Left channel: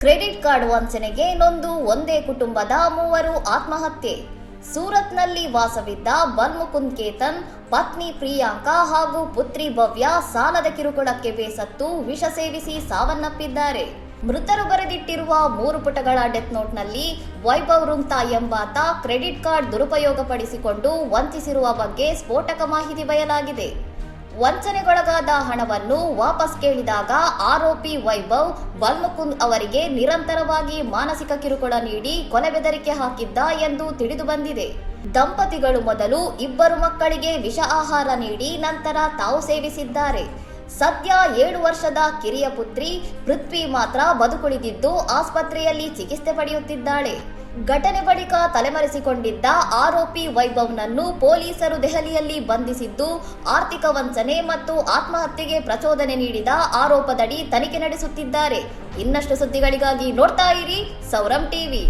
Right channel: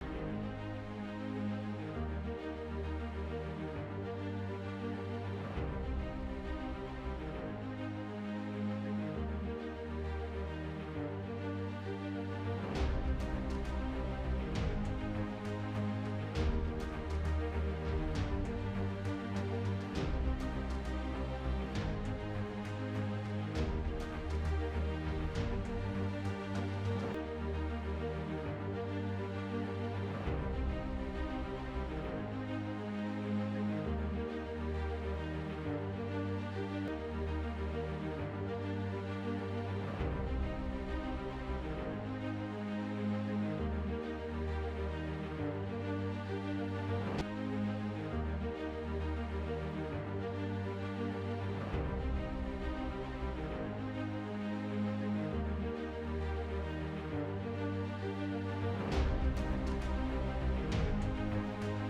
Credit card ವಂಚನೆಗೆ ನೊಂದು ಒಂದೇ ಕುಟುಂಬದ ಮೂವರು ಆತ್ಮಹತ್ಯೆ. ಸೂರತ್ನಲ್ಲಿ ವಾಸವಿದ್ದ ಬಲ್ಮುಕುಂದ್ ಕೇತನ್, ಪತ್ನಿ ಪ್ರಿಯಾಂಕಾ ಹಾಗೂ ಪುತ್ರಿ ಭವ್ಯ ಸಾಲದ ಕಿರುಕುಳಕ್ಕೆ ಬೇಸತ್ತು ವಿಷ ಸೇವಿಸಿ ಸಾವನ್ನಪ್ಪಿದ್ದಾರೆ. ಮೃತರು ಬರೆದಿಟ್ಟಿರುವ 3 ಪುಟಗಳ ಡೆತ್ ನೋಟ್ನಲ್ಲಿ ವೈಭವ್ ರುಂಗ್ತಾ ಎಂಬಾತ ಕ್ರೆಡಿಟ್ ಕಾರ್ಡ್ ದುರುಪಯೋಗಪಡಿಸಿಕೊಂಡು ವಂಚಿಸಿರುವ ಬಗ್ಗೆ ಸ್ಫೋಟಕ ಮಾಹಿತಿ ಬಯಲಾಗಿದೆ. ವಂಚನೆಗೊಳಗಾದ ಹಣವನ್ನು ವಾಪಸ್ ಕೇಳಿದಾಗ ಆರೋಪಿ ವೈಭವ್ ಬಲ್ಮುಕುಂದ್ ಅವರಿಗೆ ನಿರಂತರವಾಗಿ ಮಾನಸಿಕ ಕಿರುಕುಳ ನೀಡಿ ಕೊಲೆ ಬೆದರಿಕೆ ಹಾಕಿದ್ದ ಎಂದು ತಿಳಿದು ಬಂದಿದೆ. ದಂಪತಿಗಳು ಮೊದಲು 2 ಮಕ್ಕಳಿಗೆ ವಿಷ ಆಹಾರ ನೀಡಿ ನಂತರ ತಾವು ಸೇವಿಸಿದ್ದಾರೆ. ಸದ್ಯ 7 ವರ್ಷದ ಕಿರಿಯ ಪುತ್ರಿ ಪೃಥ್ವಿ ಮಾತ್ರ ಬದುಕುಳಿದಿದ್ದು ಆಸ್ಪತ್ರೆಯಲ್ಲಿ ಚಿಕಿತ್ಸೆ ಪಡೆಯುತ್ತಿದ್ದಾಳೆ. ಘಟನೆ ಬಳಿಕ ತಲೆಮರೆಸಿಕೊಂಡಿದ್ದ ಆರೋಪಿ ವೈಭವ್ನನ್ನು ಪೊಲೀಸರು ದೆಹಲಿಯಲ್ಲಿ ಬಂಧಿಸಿದ್ದು ಆರ್ಥಿಕ ವಂಚನೆ ಮತ್ತು ಆತ್ಮಹತ್ಯೆಗೆ ಪ್ರಚೋದನೆ ನೀಡಿದ ಆರೋಪದಡಿ ತನಿಖೆ ನಡೆಸುತ್ತಿದ್ದಾರೆ. ಇನ್ನಷ್ಟು ಸುದ್ದಿಗಳಿಗಾಗಿ ನೋಡ್ತಾ ಇರಿ ಸೌರಂ ಟಿವಿ.